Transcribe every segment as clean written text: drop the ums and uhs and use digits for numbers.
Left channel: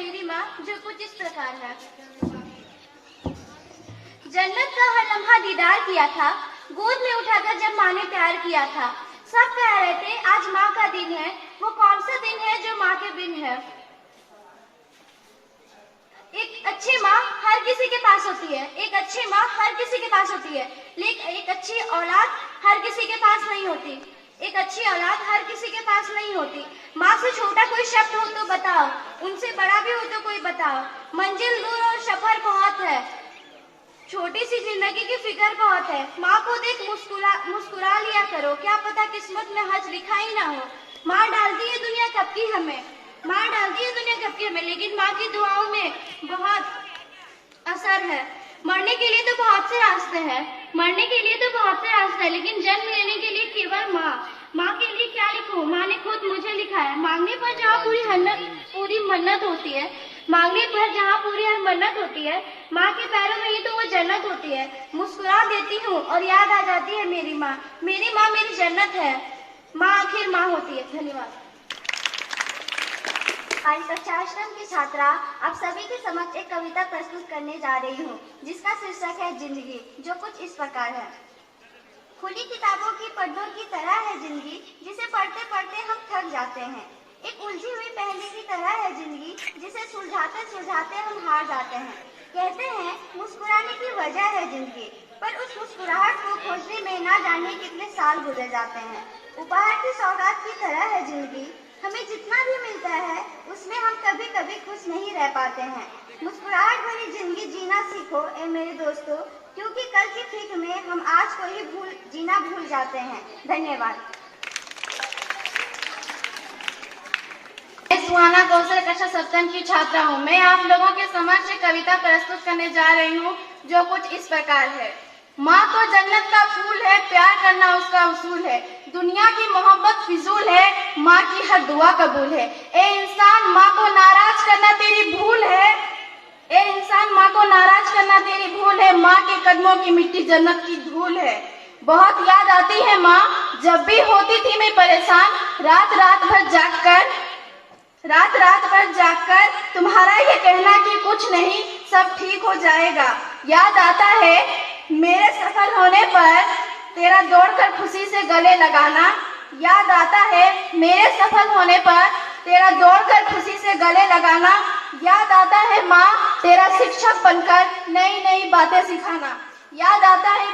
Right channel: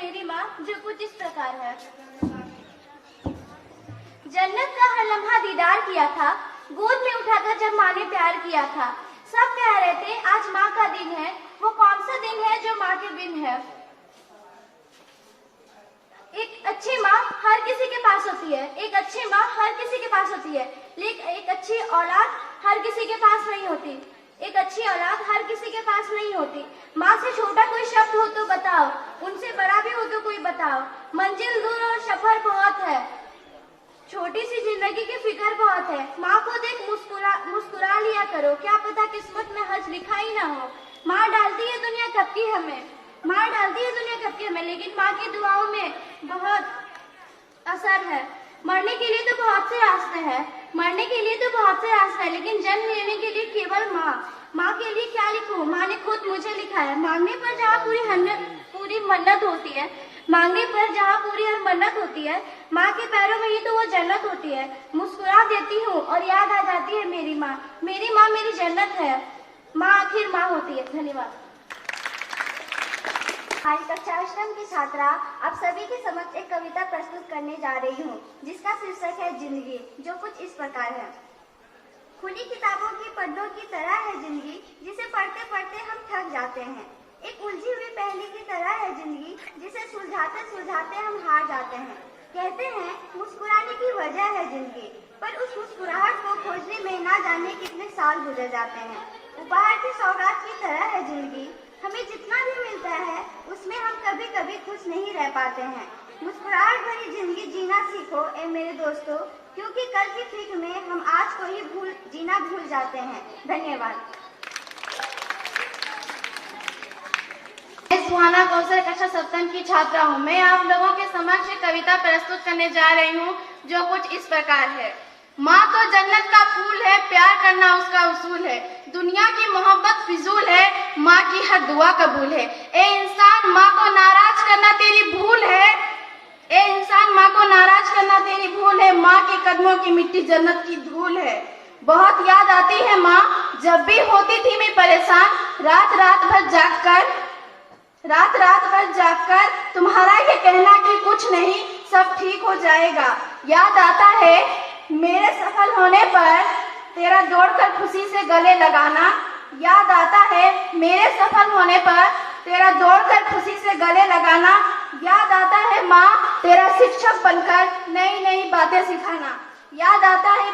मेरी माँ, जो कुछ इस प्रकार है। जन्नत का हर लम्हा दीदार किया था, गोद में उठाकर जब माँ ने प्यार किया था। सब कह रहे थे आज माँ का दिन है, वो कौन सा दिन है जो माँ के बिन है। एक अच्छी माँ हर किसी के पास होती है, एक अच्छी माँ हर किसी के पास होती है, लेकिन एक अच्छी औलाद हर किसी के पास नहीं होती। एक अच्छी औलाद हर किसी के पास नहीं होती। माँ से छोटा कोई शब्द हो तो बताओ, उनसे बड़ा भी हो तो कोई बताओ। मंजिल दूर और सफर बहुत है, छोटी सी जिंदगी की फिक्र बहुत है। माँ को देख मुस्कुरा लिया करो, क्या पता किस्मत में हज लिखा ही ना हो। माँ डालती है दुनिया कब की हमें, माँ डालती है दुनिया कब की हमें, लेकिन माँ की दुआओं में बहुत असर है। मरने के लिए तो बहुत से रास्ते हैं, मरने के लिए तो बहुत से रास्ते हैं, लेकिन जन्म लेने के लिए केवल माँ। माँ के लिए क्या लिखूं, माँ ने खुद मुझे लिखा है। मांगने पर जहाँ पूरी मन्नत होती है, मांगने पर जहाँ पूरी हर मन्नत होती है, माँ के पैरों में ही तो वो जन्नत होती है। मुस्कुरा देती हूँ और याद आ जाती है मेरी माँ। मेरी माँ मेरी जन्नत है, माँ आखिर माँ होती है। धन्यवाद। आज कक्षा 8 की छात्रा आप सभी के समक्ष एक कविता प्रस्तुत करने जा रही हूँ, जिसका शीर्षक है जिंदगी, जो कुछ इस प्रकार है। खुली किताबों की पन्नों की तरह है जिंदगी, जिसे पढ़ते पढ़ते हम थक जाते हैं। एक उलझी हुई पहेली की तरह है जिंदगी, जिसे सुलझाते सुलझाते हम हार जाते हैं। कहते हैं मुस्कुराने की वजह है जिंदगी, पर उस मुस्कुराहट को खोजने में ना जाने कितने साल गुजर जाते हैं। उपहार की सौगात की तरह है जिंदगी, हमें जितना भी मिलता है उसमें हम कभी कभी खुश नहीं रह पाते हैं। मुस्कुराहट भरी जिंदगी जीना सीखो ए मेरे दोस्तों, क्योंकि कल की फिक्र में हम आज को ही जीना भूल जाते हैं। धन्यवाद। मैं सुहाना कौशल कक्षा 7 की छात्रा हूँ। मैं आप लोगों के समक्ष एक कविता प्रस्तुत करने जा रही हूँ, जो कुछ इस प्रकार है। माँ तो जन्नत का फूल है, प्यार करना उसका उसूल है। दुनिया की मोहब्बत फिजूल है, माँ की हर दुआ कबूल है। ए इंसान, माँ को नाराज करना तेरी भूल है। ए इंसान, माँ को नाराज करना तेरी भूल है। माँ के कदमों की मिट्टी जन्नत की धूल है। बहुत याद आती है माँ, जब भी होती थी मैं परेशान। रात रात भर जागकर तुम्हारा ये कहना कि कुछ नहीं, सब ठीक हो जाएगा। याद आता है मेरे सफल होने पर तेरा दौड़कर खुशी से गले लगाना। याद आता है मेरे सफल होने पर तेरा दौड़कर खुशी से गले लगाना। याद आता है माँ तेरा शिक्षक बनकर नई नई बातें सिखाना। याद आता है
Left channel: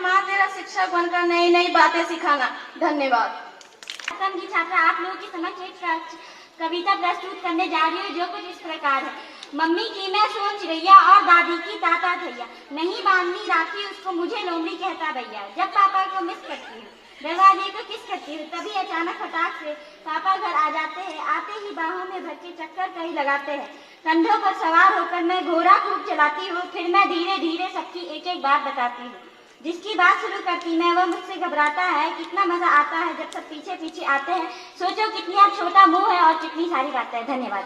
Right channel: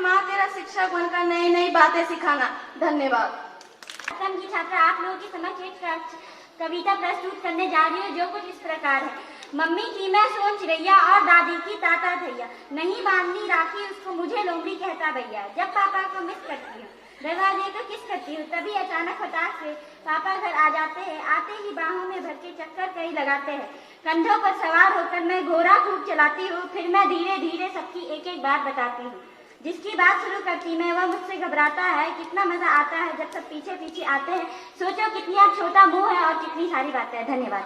माँ तेरा शिक्षक बनकर नई नई बातें सिखाना। धन्यवाद। की छात्रा आप लोगों की समक्ष एक कविता प्रस्तुत करने जा रही हूँ, जो कुछ इस प्रकार है। मम्मी की मैं सोच रैया और दादी की ताता भैया, नहीं बांधनी राखी उसको मुझे लोमड़ी कहता भैया। जब पापा को मिस करती हूँ, दरवाजे को किस करती हूँ, तभी अचानक फटाक से पापा घर आ जाते हैं। आते ही बाहों में भर के चक्कर कहीं लगाते हैं। कंधों पर सवार होकर मैं घोड़ा खूब चलाती हूँ, फिर मैं धीरे धीरे सबकी एक एक बात बताती हूँ। जिसकी बात शुरू करती मैं वो मुझसे घबराता है। कितना मजा आता है जब सब पीछे पीछे आते हैं। सोचो कितनी आप छोटा मुंह है और कितनी सारी बातें हैं। धन्यवाद।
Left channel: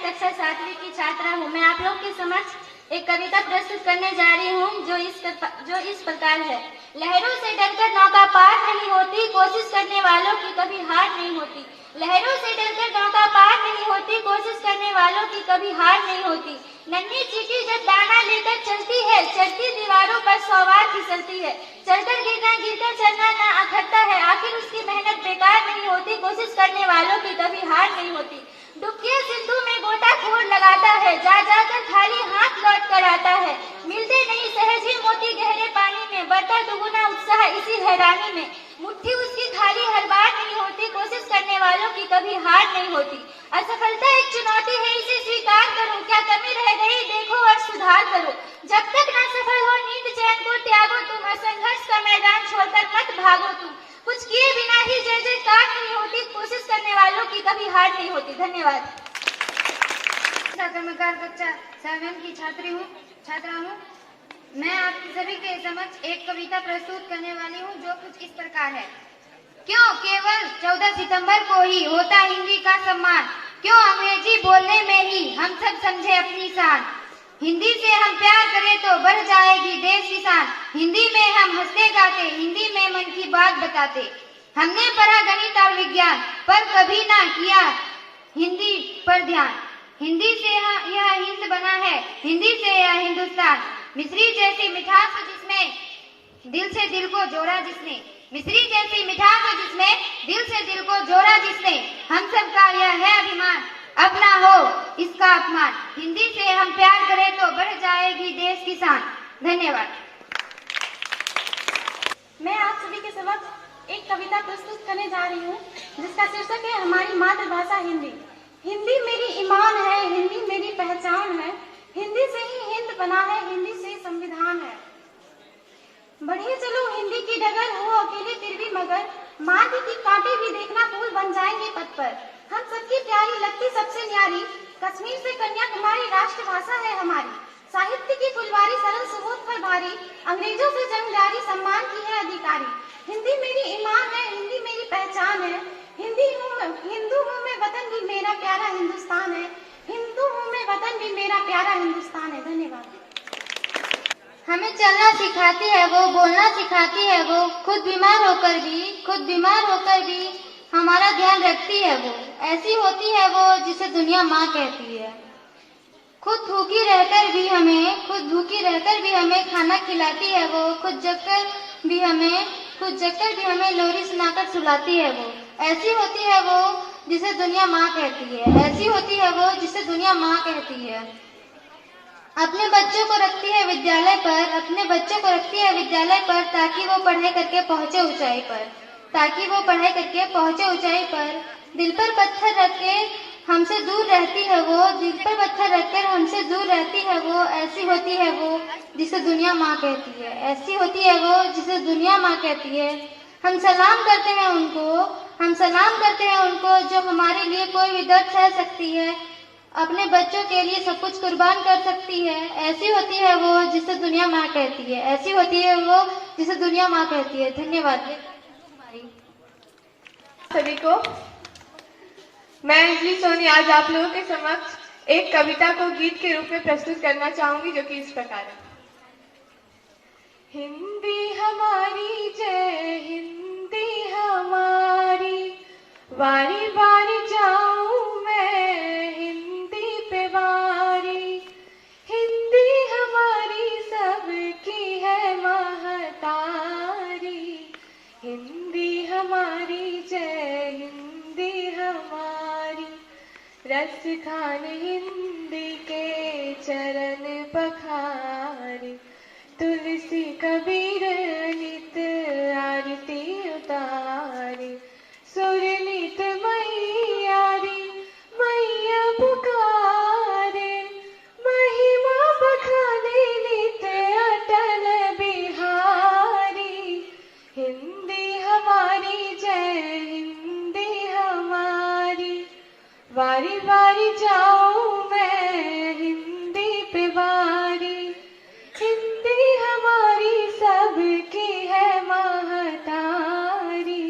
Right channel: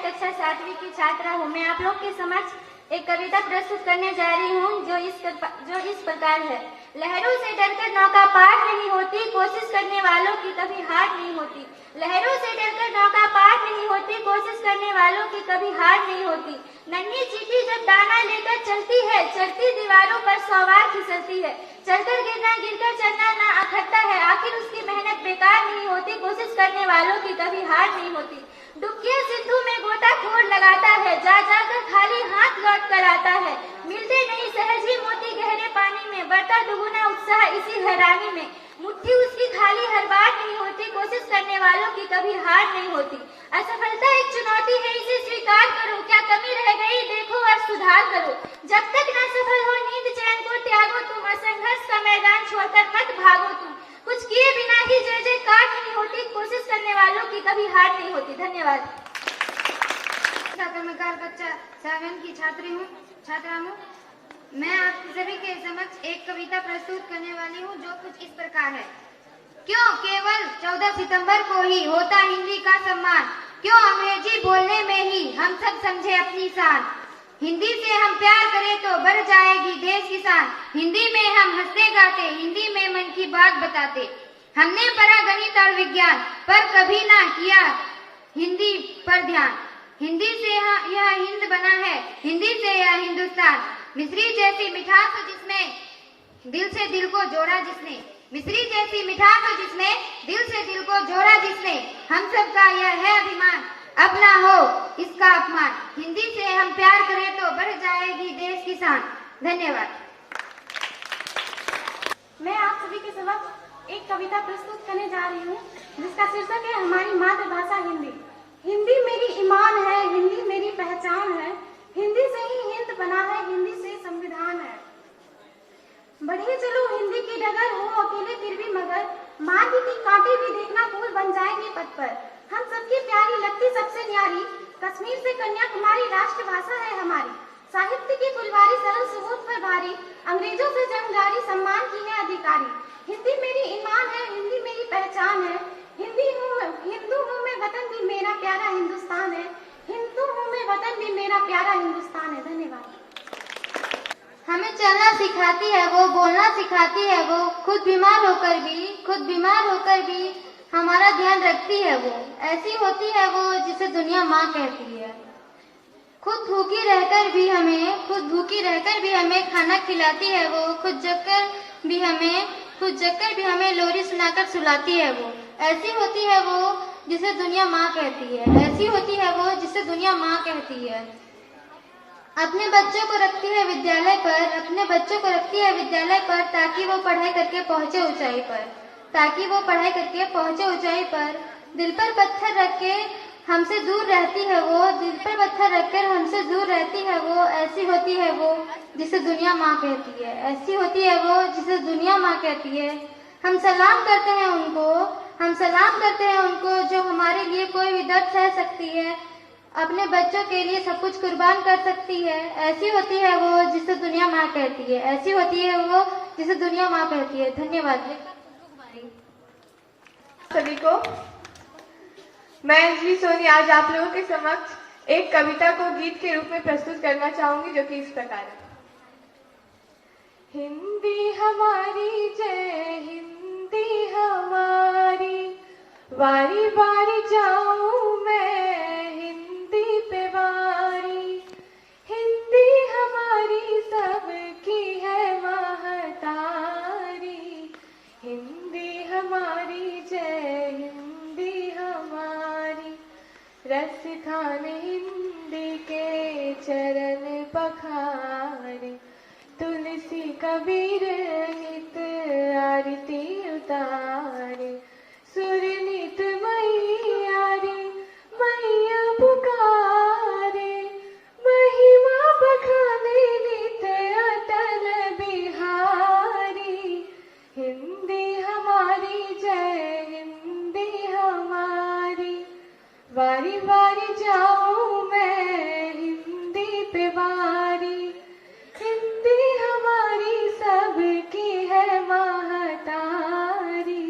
कक्षा 7 की छात्रा हूँ। मैं आप लोग के समक्ष एक कविता प्रस्तुत करने जा रही हूँ, जो इस प्रकार है। लहरों से डरकर नौका पार नहीं होती, कोशिश करने वालों की कभी हार नहीं होती। लहरों से डरकर नौका पार नहीं होती, कोशिश करने वालों की कभी हार नहीं होती। नन्ही चींटी जब दाना लेकर चलती है, चढ़ती दीवारों पर 100 बार फिसलती है। चलकर गिरकर चलना ना अखरता है, आखिर उसकी मेहनत बेकार नहीं होती, कोशिश करने वालों की कभी हार नहीं होती। डुबके सिंधु में गोताखोर लगाता है, जा जाकर खाली हाथ लौट कर आता है। मिलते नहीं सहज ही मोती गहरे पानी में, बढ़ता दुगुना उत्साह इसी हैरानी में। मुट्ठी उसकी खाली हर बार नहीं होती, कोशिश करने वालों की कभी हार नहीं होती। असफलता एक चुनौती है, इसे स्वीकार करो, क्या कमी रह गई देखो और सुधार करो। जब तक न सफल हो नींद चैन को त्यागो तुम, और संघर्ष का मैदान छोड़कर मत भागो तुम। कुछ किए बिना ही जय जयकार नहीं होती, कोशिश करने वालों की कभी हार नहीं होती। धन्यवाद। कक्षा 7 की छात्रा हूँ। मैं आप सभी के समक्ष एक कविता प्रस्तुत करने वाली हूँ, जो कुछ इस प्रकार है। क्यों केवल 14 सितंबर को ही होता हिंदी का सम्मान, क्यों अंग्रेजी बोलने में ही हम सब समझे अपनी शान। हिंदी से हम प्यार करें तो बढ़ जाएगी देश की शान। हिंदी में हम हंसते गाते, हिंदी में मन की बात बताते। हमने पढ़ा गणित और विज्ञान, पर कभी ना किया हिंदी पर ध्यान। हिंदी से यह हिंद बना है, हिंदी से यह हिंदुस्तान। मिश्री जैसी मिठास हो जिसमें दिल से दिल को जोड़ा जिसने, मिश्री जैसी मिठास हो जिसमें दिल से दिल को जोड़ा जिसने। हम सबका यह है अभिमान, अपना हो इसका अपमान। हिंदी से हम प्यार करें तो बढ़ जाएगी देश की शान। धन्यवाद। मैं आप सभी के समक्ष एक कविता प्रस्तुत करने जा रही हूँ जिसका शीर्षक है हमारी मातृभाषा हिंदी। हिंदी मेरी ईमान है, हिंदी मेरी पहचान है, हिंदी से ही हिंद बना है, हिंदी से संविधान है। बढ़िए चलो हिंदी की डगर, हो अकेले फिर भी मगर, मार्ग की कांटे भी देखना फूल बन जाएंगे पथ पर। हम सबकी प्यारी लगती सबसे न्यारी, कश्मीर से कन्याकुमारी राष्ट्रभाषा है हमारी। साहित्य की फुलवारी सरल सुबोध पर भारी, अंग्रेजों से जंग जारी सम्मान की है अधिकारी। हिंदी मेरी ईमान है, हिंदी मेरी पहचान है, हिंदू हूँ मैं, वतन भी मेरा प्यारा हिंदुस्तान है, हिंदू हूँ मैं, वतन भी मेरा प्यारा हिंदुस्तान है। धन्यवाद। हमें चलना सिखाती है वो, बोलना सिखाती है वो, खुद बीमार होकर भी हमारा ध्यान रखती है वो। ऐसी होती है वो जिसे दुनिया माँ कहती है। खुद भूखी रहकर भी हमें खाना खिलाती है वो, खुद जगकर भी हमें लोरी सुनाकर सुलाती है वो। ऐसी होती है वो जिसे दुनिया माँ कहती है, ऐसी होती है वो जिसे दुनिया माँ कहती है। अपने बच्चों को रखती है विद्यालय पर, ताकि वो पढ़ाई करके पहुंचे ऊंचाई पर। दिल पर पत्थर रखकर हमसे दूर रहती है वो, ऐसी होती है वो जिसे दुनिया माँ कहती है। हम सलाम करते हैं उनको जो हमारे लिए कोई भी दर्द सह सकती है, अपने बच्चों के लिए सब कुछ कुर्बान कर सकती है। ऐसी होती है वो जिसे दुनिया माँ कहती है। धन्यवाद सभी को। मैं अंजलि सोनी आज आप लोगों के समक्ष एक कविता को गीत के रूप में प्रस्तुत करना चाहूंगी, जो कि इस प्रकार है। हिंदी हमारी जय हिंदी हमारी, वारी वारी जाऊं मैं हिंदी पे वारी। हिंदी हमारी सबकी है महतारी, हिंदी हमारी जय हिंदी हमारी। रस खान हिंदी के चरण पखारे, तुलसी कबीर नित आरती उतारे। सुर नित मैया रे मैया पुकारे, महिमा बखाने नित अटल बिहारी। हिंदी हमारी जय हिंदी हमारी, वारी वारी जाऊं मैं हिंदी पे वारी। हिंदी हमारी सबकी है महतारी,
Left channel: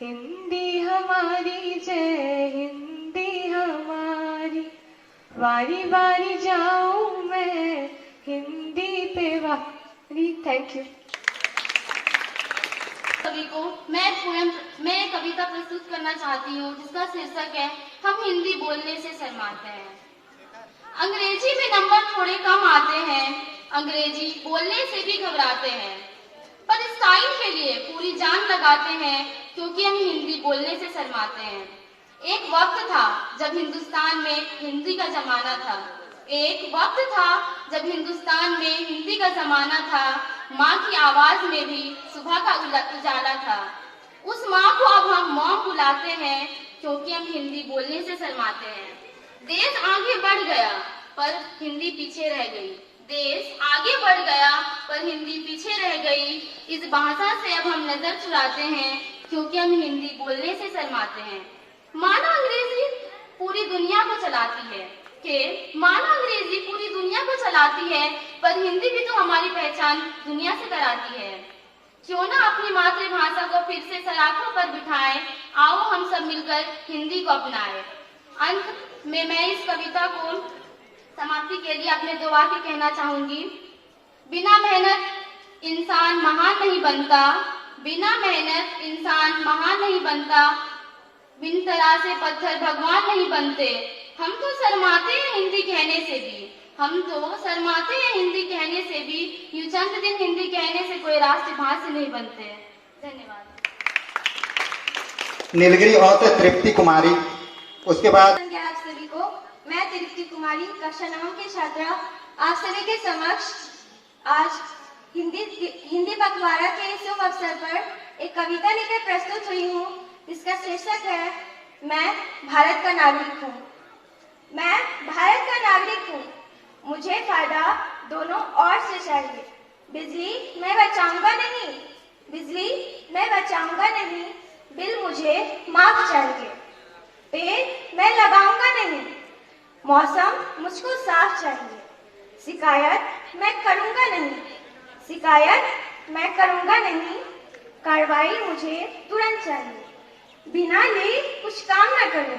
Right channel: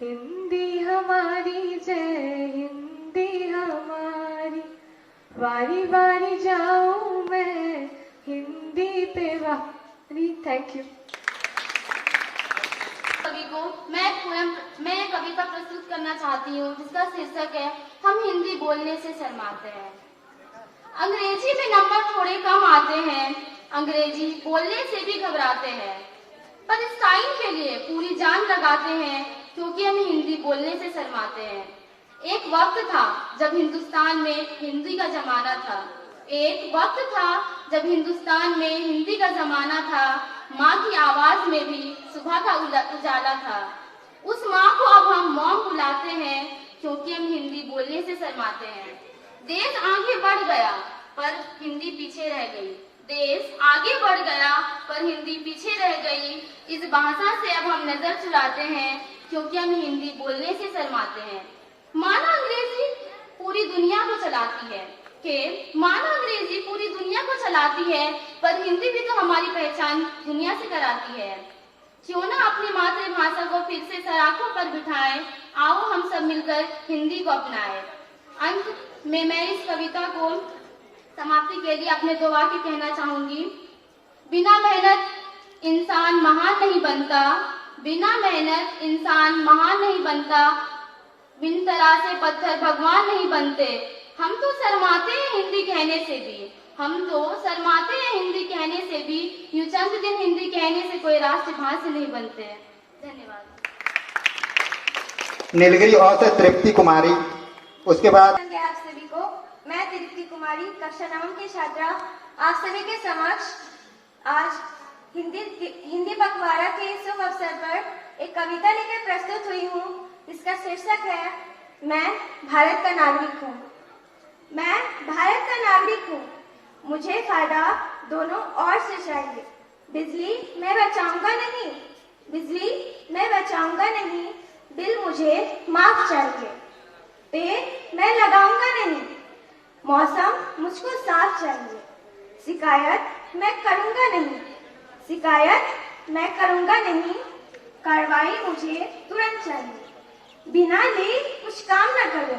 हिंदी हमारी जय हिंदी हमारी, वारी वारी जाऊं मैं हिंदी पे वारी। थैंक यू सभी को। मैं कविता प्रस्तुत करना चाहती हूँ जिसका शीर्षक है हम हिंदी बोलने से शर्माते हैं। अंग्रेजी में नंबर थोड़े कम आते हैं, अंग्रेजी बोलने से भी घबराते हैं, पर इस साइन के लिए पूरी जान लगाते हैं क्योंकि हम हिंदी बोलने से शर्माते हैं। एक वक्त था जब हिंदुस्तान में हिंदी का जमाना था, माँ की आवाज में भी सुबह का उजाला था। उस माँ को अब हम मॉम बुलाते हैं क्योंकि हम हिंदी बोलने से शर्माते हैं। देश आगे बढ़ गया पर हिंदी पीछे रह गई, इस भाषा से अब हम नजर चुराते हैं क्योंकि हम हिंदी बोलने से शर्माते हैं। मानो अंग्रेजी पूरी दुनिया को चलाती है, पर हिंदी भी तो हमारी पहचान दुनिया से कराती है। क्यों ना अपनी मातृभाषा को फिर से सराखों पर बिठाएं, आओ हम सब मिलकर हिंदी को अपनाएं। अंत में मैं इस कविता को समाप्ति के लिए अपने दो वाक्य कहना चाहूंगी। बिना मेहनत नहीं बनता, बिना मेहनत इंसान महान नहीं बनता, बिन तरह से पत्थर भगवान नहीं बनते। हम तो शर्माते हैं हिंदी कहने से भी, हम तो शर्माते हैं हिंदी कहने से भी, यूं चंद दिन हिंदी कहने से कोई राष्ट्रभाषा नहीं बनते। धन्यवाद। नीलगिरी और से तृप्ति कुमारी, उसके बाद आप सभी को मैं तृप्ति कुमारी कक्षा 9 की छात्रा आप सभी के समक्ष आज हिंदी पखवाड़ा के शुभ अवसर पर एक कविता लेकर प्रस्तुत हुई हूँ। इसका शीर्षक है मैं भारत का नागरिक हूँ। मैं भारत का नागरिक हूँ, मुझे फायदा दोनों ओर से चाहिए। बिजली मैं बचाऊंगा नहीं, बिजली मैं बचाऊंगा नहीं, बिल मुझे माफ चाहिए। पेड़ मैं लगाऊंगा नहीं, मौसम मुझको साफ चाहिए। शिकायत मैं करूंगा नहीं, शिकायत मैं करूंगा नहीं, कार्रवाई मुझे तुरंत चाहिए। बिना लिए कुछ काम न करूं,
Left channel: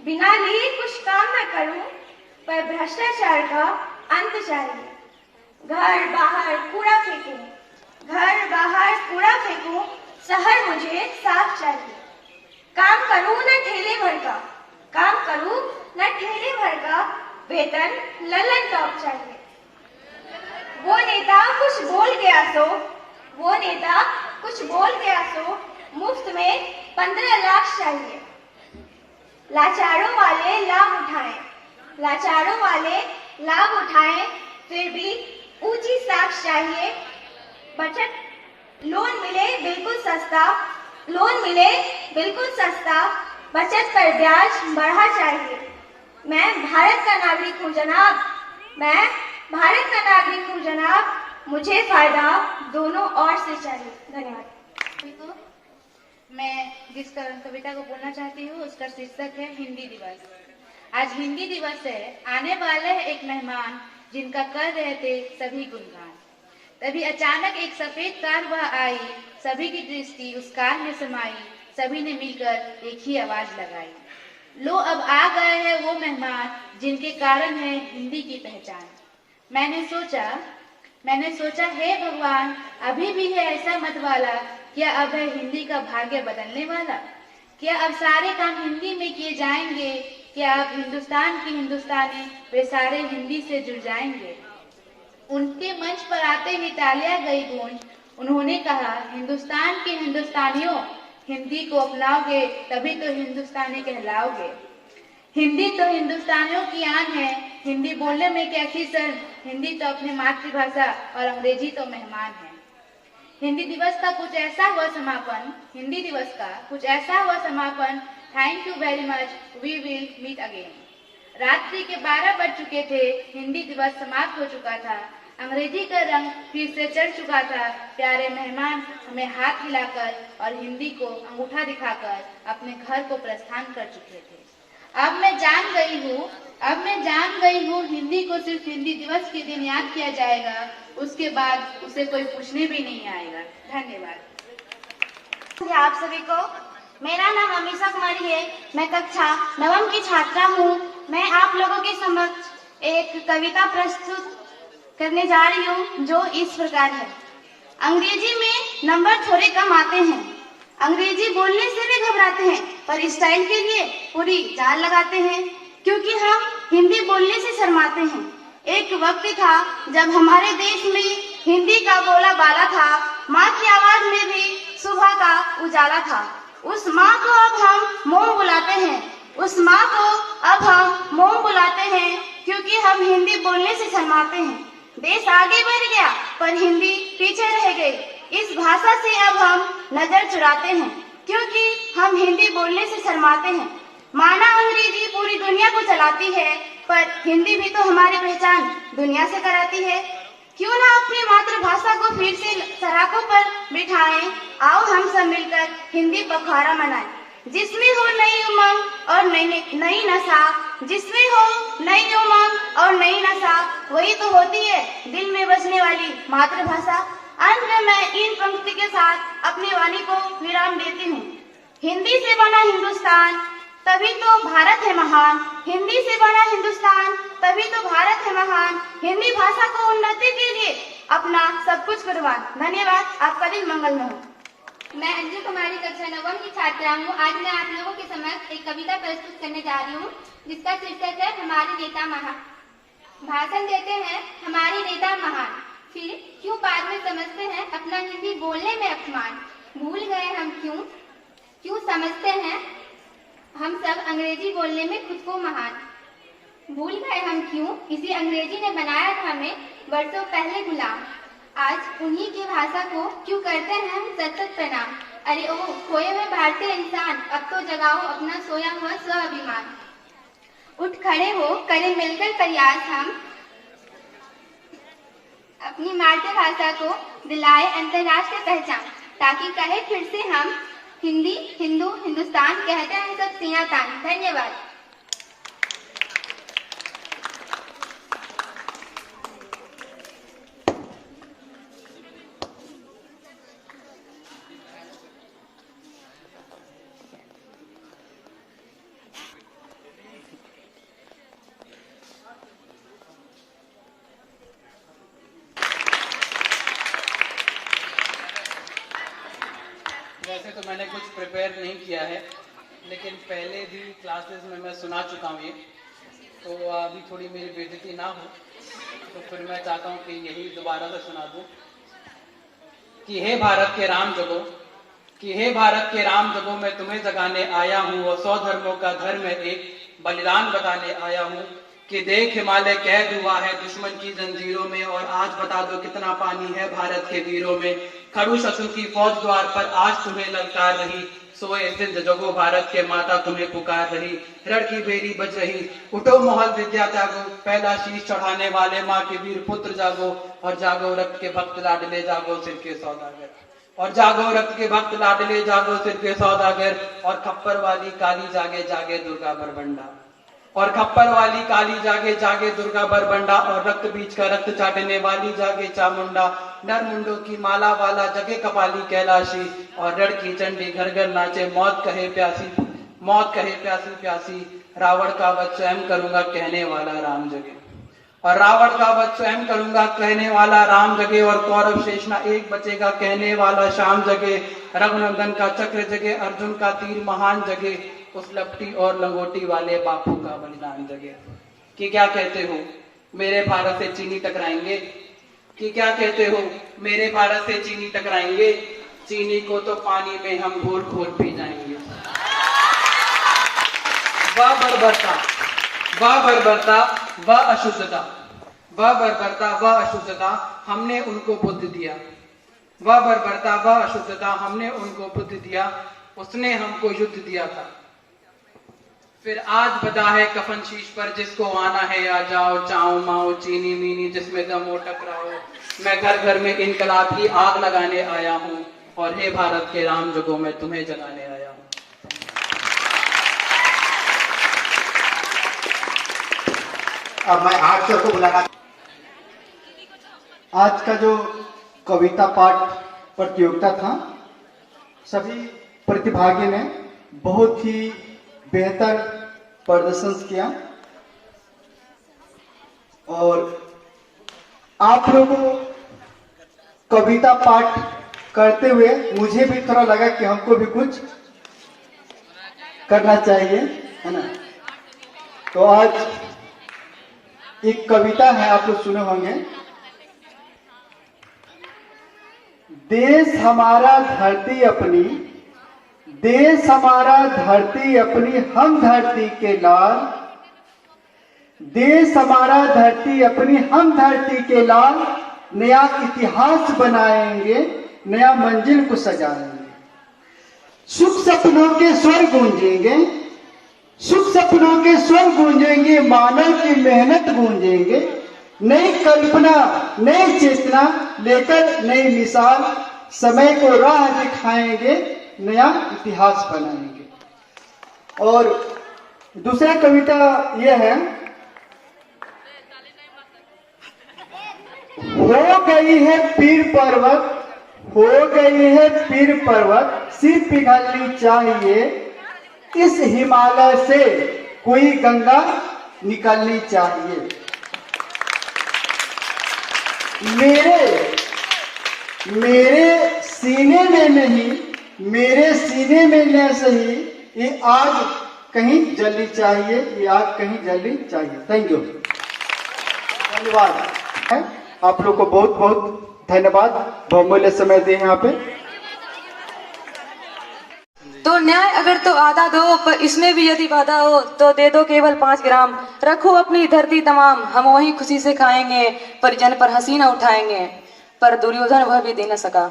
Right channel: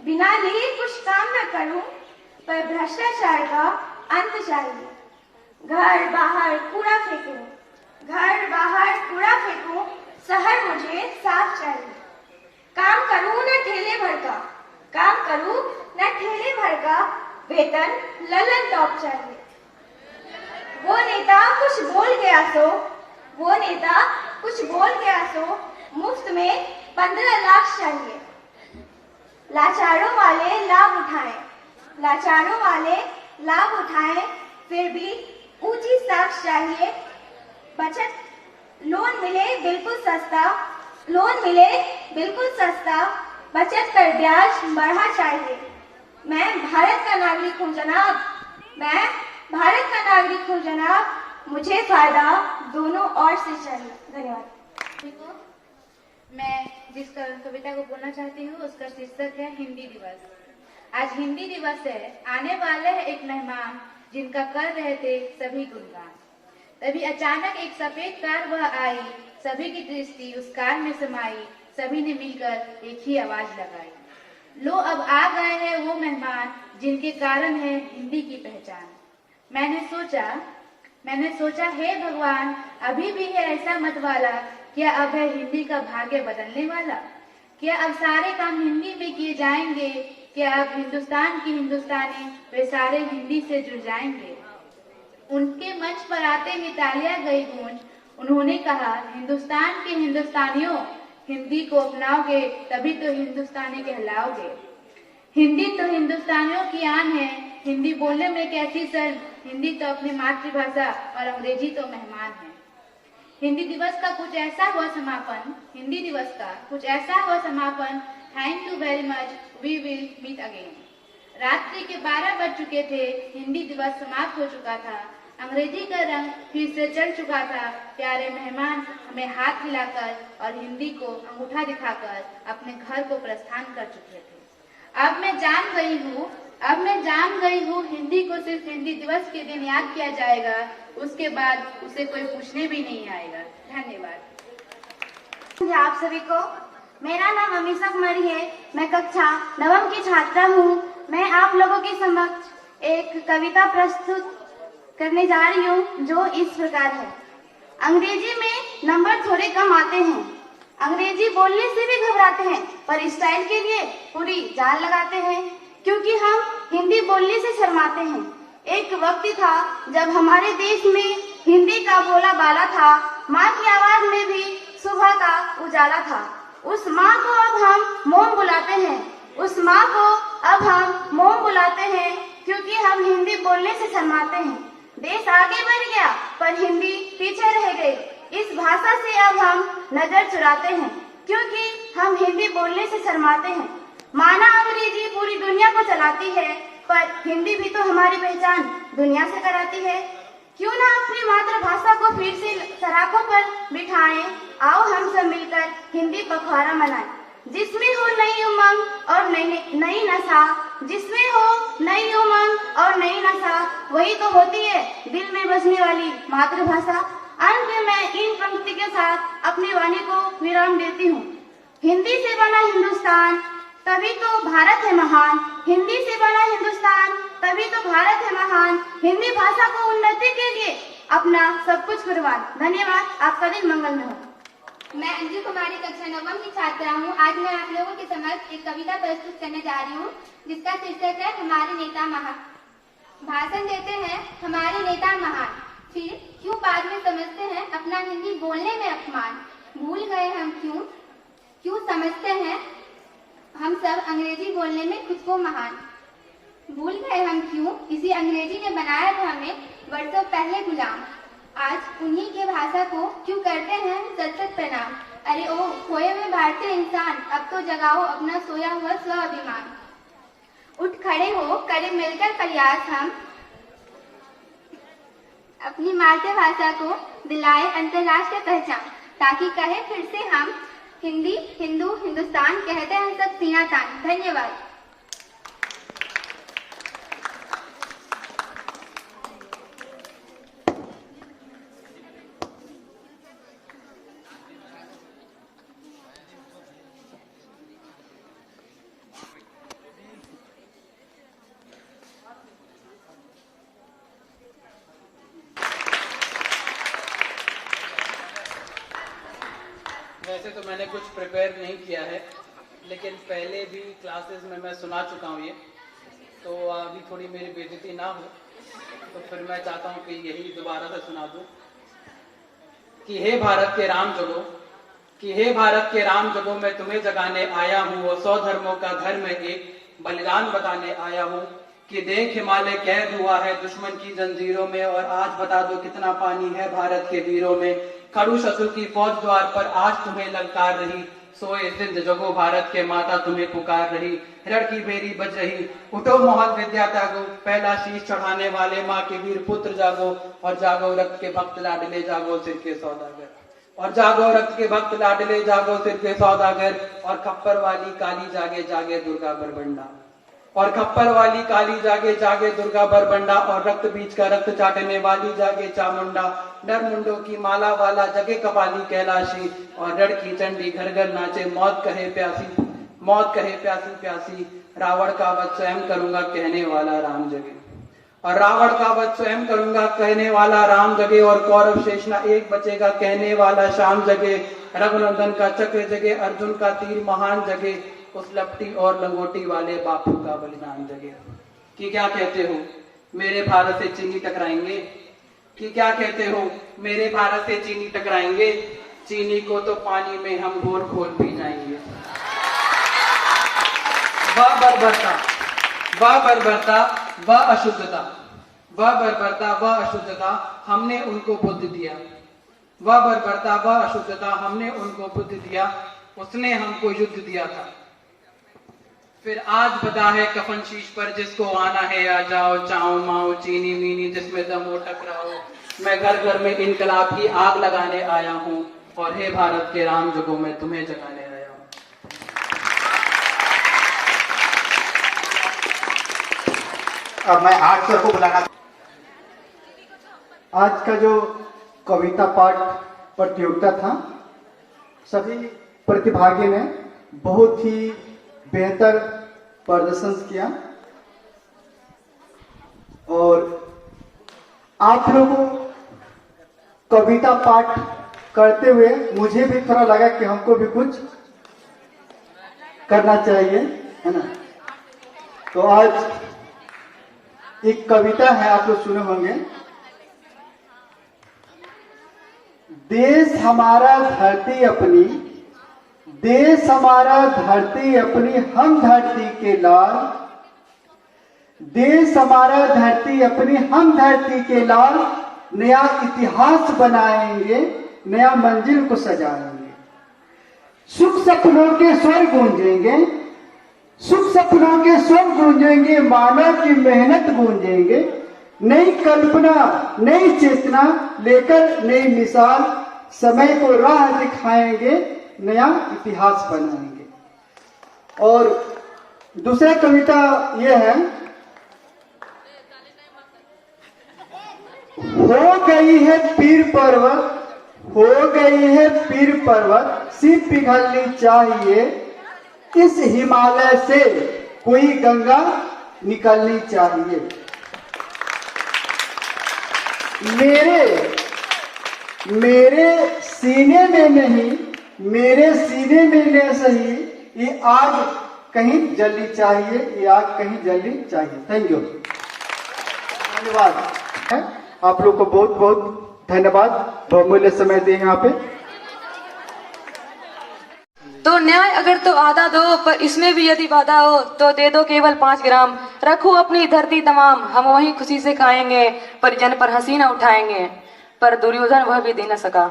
बिना लिए कुछ काम न करूं, पर भ्रष्टाचार का अंत चाहिए। घर बाहर कूड़ा फेंकूं, घर बाहर कूड़ा फेंकूं, शहर मुझे साफ चाहिए। काम करूं न ठेले भर का, काम करूं न ठेले भर का, वेतन ललन टॉप चाहिए। वो नेता कुछ बोल गया सो, वो नेता कुछ बोल गया सो, मुफ्त में 15 लाख चाहिए। लाचारों वाले लाभ उठाएं, लाचारों वाले लाभ उठाएं, फिर भी ऊंची साख चाहिए। बचत लोन मिले बिल्कुल सस्ता, लोन मिले बिल्कुल सस्ता, बचत पर ब्याज बढ़ा चाहिए। मैं भारत का नागरिक हूँ जनाब, मैं भारत का नागरिक हूँ जनाब, मुझे फायदा दोनों ओर से चाहिए। धन्यवाद। मैं जिस कविता को बोलना चाहती हूँ उसका शीर्षक है हिंदी दिवस। आज हिंदी दिवस है, आने वाले है एक मेहमान जिनका कर रहे थे सभी गुणगान। तभी अचानक एक सफेद कार वह आई, सभी की दृष्टि उस कार में समाई, सभी ने मिलकर एक ही आवाज लगाई, लो अब आ गए हैं वो मेहमान जिनके कारण है हिंदी की पहचान। मैंने सोचा हे भगवान, अभी भी है ऐसा मतवाला, क्या अब है हिंदी का भाग्य बदलने वाला? क्या अब सारे काम हिंदी में किए जाएंगे? क्या अब हिंदुस्तान की हिंदुस्तानी वे सारे हिंदी से जुड़ जाएंगे? उनके मंच पर आते ही तालियां गई गूंज, उन्होंने कहा हिंदुस्तान के हिंदुस्तानियों, हिंदी को अपनाओगे तभी तो हिंदुस्तानी कहलाओगे। हिंदी तो हिंदुस्तानियों की आन है, हिंदी बोलने में कैसी शर्म, हिंदी तो अपनी मातृभाषा और अंग्रेजी तो मेहमान है। हिंदी दिवस का कुछ ऐसा हुआ समापन, हिंदी दिवस का कुछ ऐसा हुआ समापन, thank you very much, we will meet again. रात्रि के 12 बज चुके थे, हिंदी दिवस समाप्त हो चुका था, अंग्रेजी का रंग फिर से चढ़ चुका था। प्यारे मेहमान हमें हाथ हिलाकर और हिंदी को अंगूठा दिखाकर अपने घर को प्रस्थान कर चुके थे। अब मैं जान गई हूँ हिंदी को सिर्फ हिंदी दिवस के दिन याद किया जाएगा, उसके बाद उसे कोई पूछने भी नहीं आएगा। धन्यवाद। आप सभी को मेरा नाम अमीशा कुमारी है, मैं कक्षा 9 की छात्रा हूँ। मैं आप लोगों के समक्ष एक कविता प्रस्तुत करने जा रही हूँ जो इस प्रकार है। अंग्रेजी में नंबर थोड़े कम आते हैं, अंग्रेजी बोलने से भी घबराते हैं, पर स्टाइल के लिए पूरी जान लगाते हैं, क्योंकि हम हिंदी बोलने से शर्माते हैं। एक वक्त था जब हमारे देश में हिंदी का बोला बाला था, माँ की आवाज में भी सुबह का उजाला था। उस माँ को अब हम मोम बुलाते हैं, उस माँ को अब हम मोम बुलाते हैं, क्योंकि हम हिंदी बोलने से शर्माते हैं। देश आगे बढ़ गया पर हिंदी पीछे रह गई। इस भाषा से अब हम नजर चुराते हैं, क्योंकि हम हिंदी बोलने से शर्माते हैं। माना अंग्रेजी पूरी दुनिया को चलाती है, पर हिंदी भी तो हमारी पहचान दुनिया से कराती है। क्यों ना अपनी मातृभाषा को फिर से सराखों पर बिठाएं, आओ हम सब मिलकर हिंदी पखवाड़ा मनाएं। जिसमें हो नई उमंग और नई नशा, जिसमें हो नई उमंग और नई नशा, वही तो होती है दिल में बसने वाली मातृभाषा। अंत में मैं इन पंक्ति के साथ अपनी वाणी को विराम देती हूँ। हिंदी से बना हिंदुस्तान तभी तो भारत है महान, हिंदी से बना हिंदुस्तान तभी तो भारत है महान। हिंदी भाषा को उन्नति के लिए अपना सब कुछ कुर्बान। धन्यवाद, आपका दिन मंगलमय हो। मैं अंजू कुमारी कक्षा 9वीं की छात्रा हूँ। आज मैं आप लोगों के समक्ष एक कविता प्रस्तुत करने जा रही हूँ जिसका शीर्षक है हमारे नेता महान। भाषण देते हैं हमारी नेता महान, फिर क्यों बाद में समझते हैं अपना हिंदी बोलने में अपमान। भूल गए हम क्यों समझते हैं हम सब अंग्रेजी बोलने में खुद को महान। भूल गए हम क्यों किसी अंग्रेजी ने बनाया था हमें वर्षों पहले गुलाम। आज उन्हीं की भाषा को क्यों करते हैं हम सत प्रणाम। अरे ओ खोए हुए भारतीय इंसान, अब तो जगाओ अपना सोया हुआ स्वाभिमान। उठ खड़े हो करें मिलकर प्रयास हम अपनी मातृभाषा को दिलाए अंतर्राष्ट्रीय पहचान, ताकि कहे फिर से हम हिंदी हिंदू हिंदुस्तान कहते हैं सब सीना तान। धन्यवाद। वैसे तो मैंने कुछ प्रिपेयर नहीं किया है, लेकिन पहले भी क्लासेस में मैं सुना चुका हूँ ये, तो अभी थोड़ी मेरी बेइज्जती ना हो तो फिर मैं चाहता हूँ कि यही दोबारा से सुना दूँ कि हे भारत के राम जगो, कि हे भारत के राम जगो, मैं तुम्हें जगाने आया हूँ और 100 धर्मों का धर्म एक बलिदान बताने आया हूँ। कि देख हिमालय कैद हुआ है दुश्मन की जंजीरों में, और आज बता दो कितना पानी है भारत के वीरों में। खड़ू शत्रु की फौज द्वार पर आज तुम्हें ललकार रही, सोए सिंध जगो भारत के माता तुम्हें पुकार रही। रण की बेरी बज रही, उठो मोहन विद्या जागो, पहला शीश चढ़ाने वाले माँ के वीर पुत्र जागो। और जागो रक्त के भक्त लाडले जागो सिर के सौदागर, और जागो रक्त के भक्त लाडले जागो सिर के सौदागर। और खप्पर वाली काली जागे जागे दुर्गा बरबंडा, और खप्पर वाली काली जागे जागे दुर्गा बरबंडा। और रक्त बीज का रक्त चाटने वाली जागे चामुंडा, नर मुंडों की माला वाला जगे कपाली कैलाशी। और रण की चंडी घर घर नाचे, मौत कहे प्यासी, मौत कहे प्यासी प्यासी। रावण का वध स्वयं करूंगा कहने वाला राम जगे, और रावण का वध स्वयं करूंगा कहने वाला राम जगे। और कौरव शेष ना एक बचेगा कहने वाला शाम जगे। रघुनंदन का चक्र जगे, अर्जुन का तीर महान जगे। उस लपटी और लंगोटी वाले बापू का बलिदान जगे। कि क्या कहते हो मेरे भारत से चीनी टकराएंगे, कि क्या कहते हो मेरे भारत से चीनी टकराएंगे। चीनी को तो पानी में हम घोल घोल पी जाएंगे। वह बर्बरता, वह बर्बरता, वह अशुद्धता, वह बर्बरता, वह अशुद्धता हमने उनको बुद्ध दिया। वह बर्बरता, वह अशुद्धता हमने उनको बुद्ध दिया। उसने हमको युद्ध दिया था। फिर आज बदा है कफन शीश पर, जिसको आना है आ जाओ। चाओ माओ चीनी मीनी जिसमें दम हो टकराओ। मैं घर घर में इनकलाब की आग लगाने आया हूँ, और हे भारत के राम जगो, मैं तुम्हें जगाने आया हूँ। अब मैं आर्ट सर को बुलाना। आज का जो कविता पाठ प्रतियोगिता था, सभी प्रतिभागी ने बहुत ही बेहतर प्रदर्शन किया, और आप लोगों कविता पाठ करते हुए मुझे भी थोड़ा लगा कि हमको भी कुछ करना चाहिए, है ना। तो आज एक कविता है, आप लोग सुने होंगे। देश हमारा धरती अपनी, देश हमारा धरती अपनी, हम धरती के लाल। देश हमारा धरती अपनी, हम धरती के लाल। नया इतिहास बनाएंगे, नया मंजिल को सजाएंगे। सुख सपनों के स्वर गूंजेंगे, सुख सपनों के स्वर गूंजेंगे। मानव की मेहनत गूंजेंगे। नई कल्पना, नई चेतना लेकर नई मिसाल। समय को राह दिखाएंगे, नया इतिहास बनाएंगे। और दूसरा कविता यह है। हो गई है पीर पर्वत, हो गई है पीर पर्वत, सिर पिघलनी चाहिए। इस हिमालय से कोई गंगा निकलनी चाहिए। मेरे सीने में नहीं, मेरे सीने में न सही, ये आग कहीं जलनी चाहिए, ये आग कहीं जलनी चाहिए। थैंक यू, धन्यवाद है आप लोग को, बहुत बहुत धन्यवाद, बहुमूल्य समय दिए यहाँ पे। तो न्याय अगर तो आधा दो, पर इसमें भी यदि बाधा हो तो दे दो केवल 5 ग्राम। रखो अपनी धरती तमाम, हम वही खुशी से खाएंगे, पर जन पर हंसी न उठाएंगे। पर दुर्योधन वह भी दे न सका,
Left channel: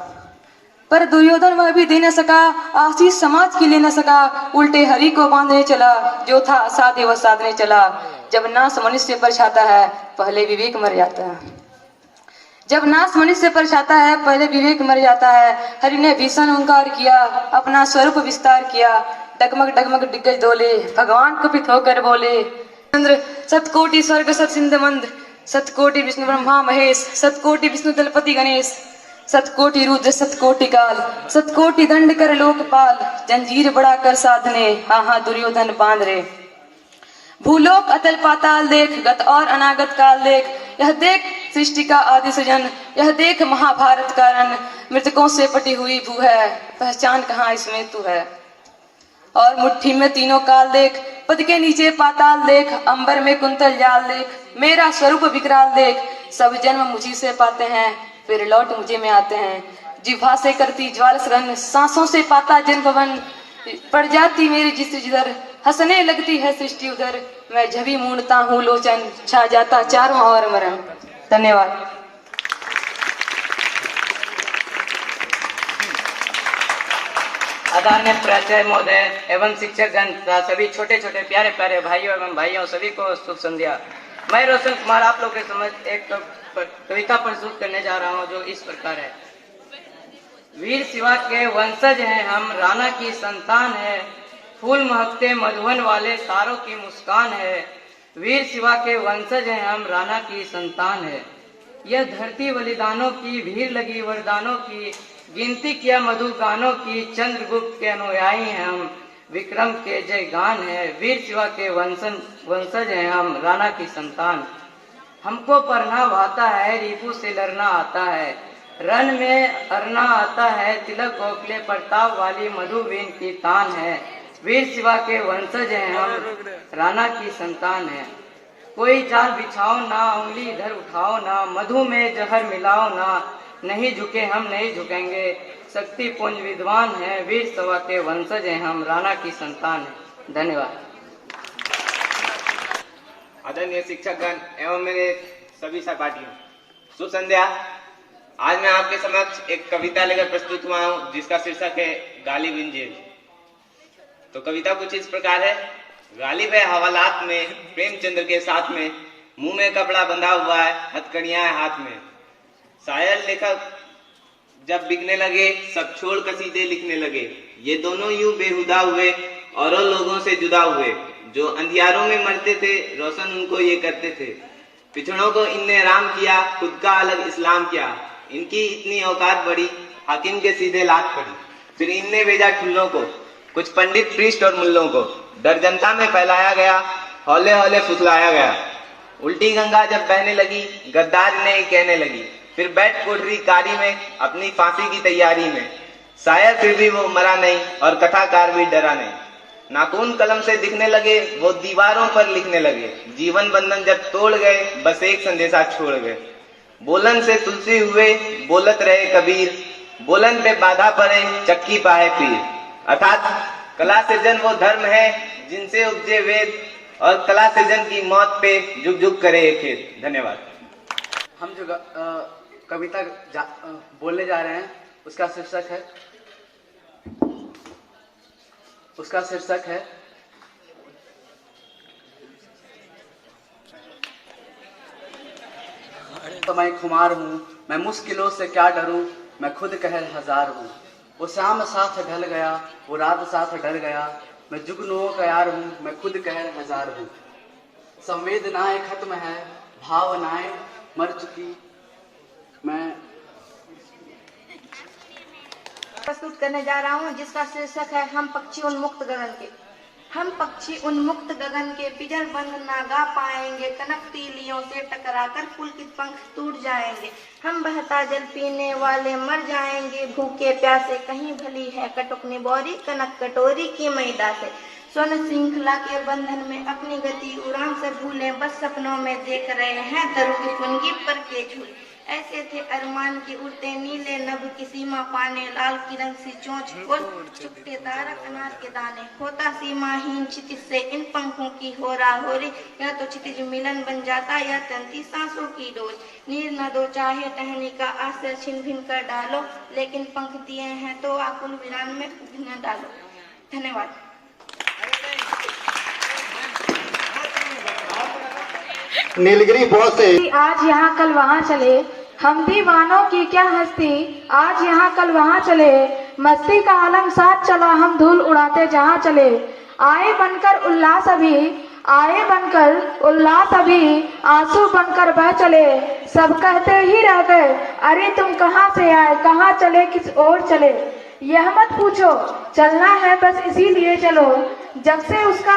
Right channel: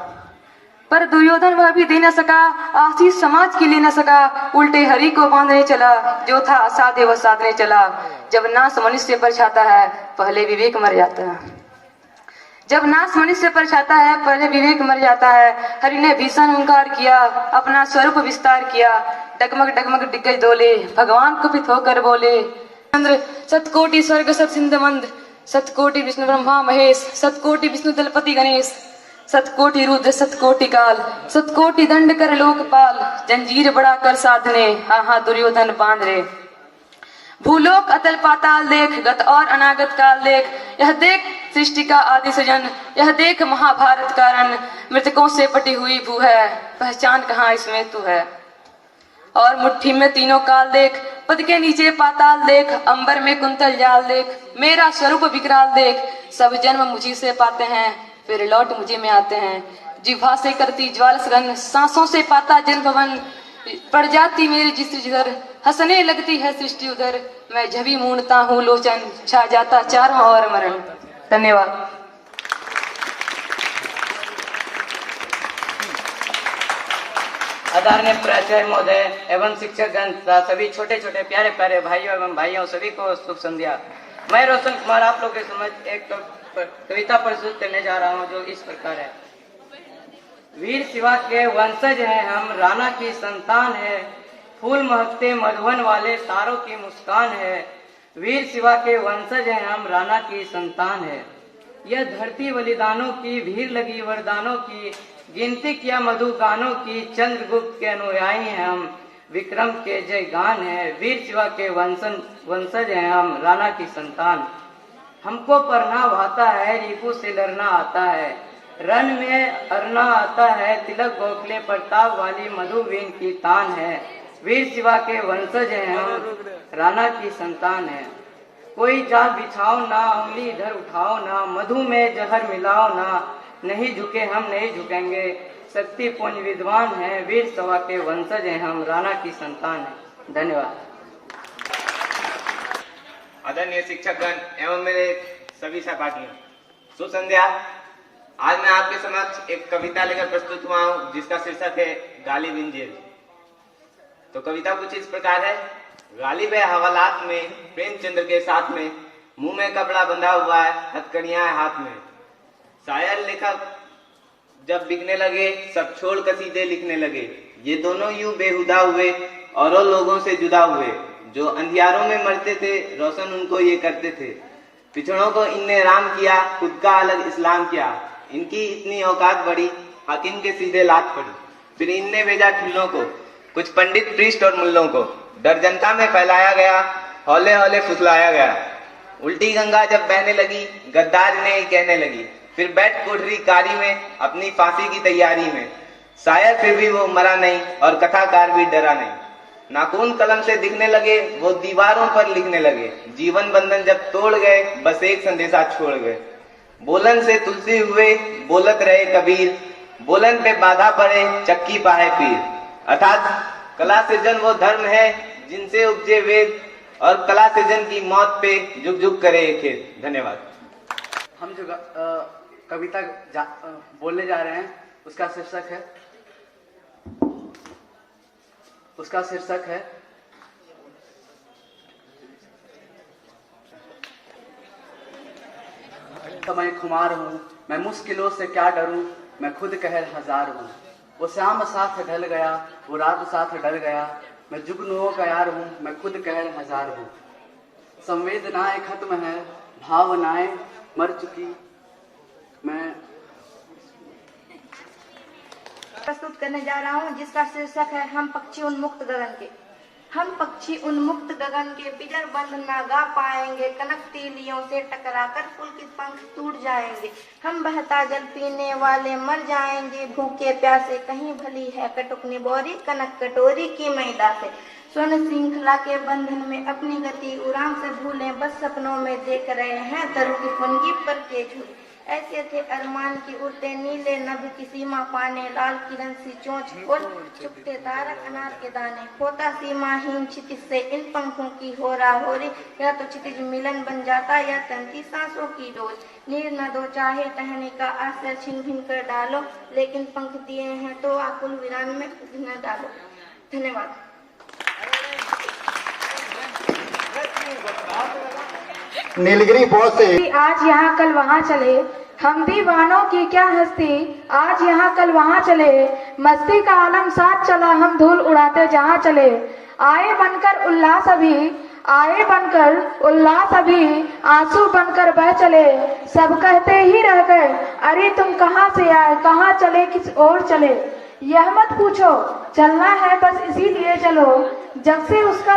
पर दुर्योधन वह भी दे न सका, आशीष समाज की ले न सका। उल्टे हरि को बांधने चला, जो था असाध्य वह साधने चला। जब नाश मनुष्य पर छाता है, पहले विवेक मर जाता है। जब नाश मनुष्य पर छाता है, पहले विवेक मर जाता है। हरि ने भीषण ओंकार किया, अपना स्वरूप विस्तार किया। डगमग डगमग दिग्गज डोले, भगवान कुपित होकर बोले। चंद्र सतकोटि स्वर्ग सत सिंध मंद, सतकोटि विष्णु ब्रह्मा महेश, सतकोटि विष्णु दलपति गणेश, सतकोटि रुद्र सतकोटि काल, सतकोटि दंड कर लोकपाल। जंजीर बड़ा कर साधने, हाँ दुर्योधन बांध रे। भूलोक अतल पाताल देख, गत और अनागत काल देख। यह देख सृष्टि का आदि सृजन, यह देख महाभारत का रण। मृतकों से पटी हुई भू है, पहचान कहाँ इसमें तू है। और मुट्ठी में तीनों काल देख, पद के नीचे पाताल देख। अंबर में कुंतल जाल देख, मेरा स्वरूप विकराल देख। सब जन्म मुझी से पाते हैं, फिर लौट मुझे में आते हैं। जिह्वा से करती ज्वाल सघन, सांसों से पाता जन भवन। पड़ जाती मेरी जिस जिधर, हंसने लगती है सृष्टि उधर। मैं जभी मूंढता हूँ लोचन, छा जाता चारों ओर मरण। धन्यवाद। आदरणीय प्राचार्य महोदय एवं शिक्षकगण तथा सभी छोटे छोटे प्यारे प्यारे भाइयों एवं भाइयों सभी को शुभ संध्या। मैं रोशन कुमार आप लोग के समक्ष एक कविता प्रस्तुत करने जा रहा हूँ जो इस प्रकार है। वीर शिवा के वंशज हैं हम, राणा की संतान है। फूल महकते मधुवन वाले तारों की मुस्कान है। वीर शिवा के वंशज हैं हम, राणा की संतान है। यह धरती बलिदानों की भीड़ लगी वरदानों की, गिनती किया मधु गानों की। चंद्रगुप्त के अनुयायी हैं हम, विक्रम के जय गान है। वीर शिवा के वंशज हैं हम, राणा की संतान। हमको पढ़ना भाता है, रिपु से लड़ना आता है। रण में अरना आता है, तिलक गोखले प्रताप वाली मधुबीन की तान है। वीर शिवा के वंशज हैं हम, राणा की संतान है। कोई जाल बिछाओ ना, उंगली इधर उठाओ ना, मधु में जहर मिलाओ ना। नहीं झुके हम नहीं झुकेंगे, शक्ति पुंज विद्वान है। वीर शिवा के वंशज हैं हम, राणा की संतान है। धन्यवाद। आदरणीय शिक्षकगण एवं मेरे सभी सहपाठियों, शुभ संध्या। आज मैं आपके समक्ष एक कविता लेकर प्रस्तुत हुआ हूँ जिसका शीर्षक है गालिब इन जेल। तो कविता कुछ इस प्रकार है। गालिब है हवालात में, प्रेमचंद्र के साथ में, मुंह में कपड़ा बंधा हुआ है, हथकड़ियां है हाथ में। शायर लेखक जब बिकने लगे, सब छोड़ कसीदे लिखने लगे। ये दोनों यूं बेहुदा हुए, औरों लोगों से जुदा हुए। जो अंधियारों में मरते थे, रोशन उनको ये करते थे। पिछड़ों को इनने राम किया, खुद का अलग इस्लाम किया। इनकी इतनी औकात बढ़ी, हाकिम के सीधे लात पड़ी। फिर इनने भेजा ठुल्लों को, कुछ पंडित प्रीस्ट और मुल्लों को। डर जनता में फैलाया गया, हौले हौले फुसलाया गया। उल्टी गंगा जब बहने लगी, गद्दार ने कहने लगी। फिर बैठ कोठरी कारी में, अपनी फांसी की तैयारी में। शायर फिर भी वो मरा नहीं, और कथाकार भी डरा नहीं। नाखून कलम से दिखने लगे, वो दीवारों पर लिखने लगे। जीवन बंधन जब तोड़ गए, बस एक संदेशा छोड़ गए। बोलन से तुलसी हुए, बोलत रहे कबीर। बोलन पे बाधा पड़े, चक्की पाए पीर। अर्थात कला सृजन वो धर्म है जिनसे उपजे वेद, और कला सृजन की मौत पे जुग जुग करे एक खेत। धन्यवाद। हम जो कविता बोलने जा रहे हैं उसका शीर्षक है तो मैं खुमार हूँ, मैं मुश्किलों से क्या डरूं, मैं खुद कहर हजार हूँ। वो शाम साथ ढल गया, वो रात साथ डर गया। मैं जुगनुओं का यार हूँ, मैं खुद कहर हजार हूँ। संवेदनाएं खत्म है, भावनाएं मर चुकी। मैं प्रस्तुत करने जा रहा हूँ जिसका शीर्षक है हम पक्षी उन्मुक्त गगन के। हम पक्षी उन्मुक्त गगन के पिंजर बंद ना गा पाएंगे, कनक तीलियों से टकराकर पुलकित पंख टूट जाएंगे। हम बहता जल पीने वाले मर जाएंगे, भूखे प्यासे कहीं भली है कटुक निबोरी, कनक कटोरी की मैदा से। स्वर्ण श्रृंखला के बंधन में अपनी गति उड़ान से भूले, बस सपनों में देख रहे हैं तरु की फुनगी पर के झूले। ऐसे थे अरमान की उड़ते नीले नभ की सीमा पाने, लाल किरण सी चोंच खोल चुपते तारक अनार के दाने। होता सीमाहीन क्षितिज से इन पंखों की होरा होरी, या तो क्षितिज मिलन बन जाता या तंती सांसों की डोर। नीर न दो चाहे टहनी का आश्रय छिन भिन कर डालो, लेकिन पंख दिए हैं तो आकुल वीरान में उग न डालो। धन्यवाद। नीलगिरी बॉस से आज यहाँ कल वहाँ चले, हम दीवानों की क्या हस्ती, आज यहाँ कल वहाँ चले। मस्ती का आलम साथ चला, हम धूल उड़ाते जहाँ चले। आए बनकर उल्लास अभी, आए बनकर उल्लास अभी, आंसू बनकर बह चले। सब कहते ही रह गए, अरे तुम कहाँ से आए, कहाँ चले, किस ओर चले। यह मत पूछो, चलना है बस इसीलिए चलो, जब से उसका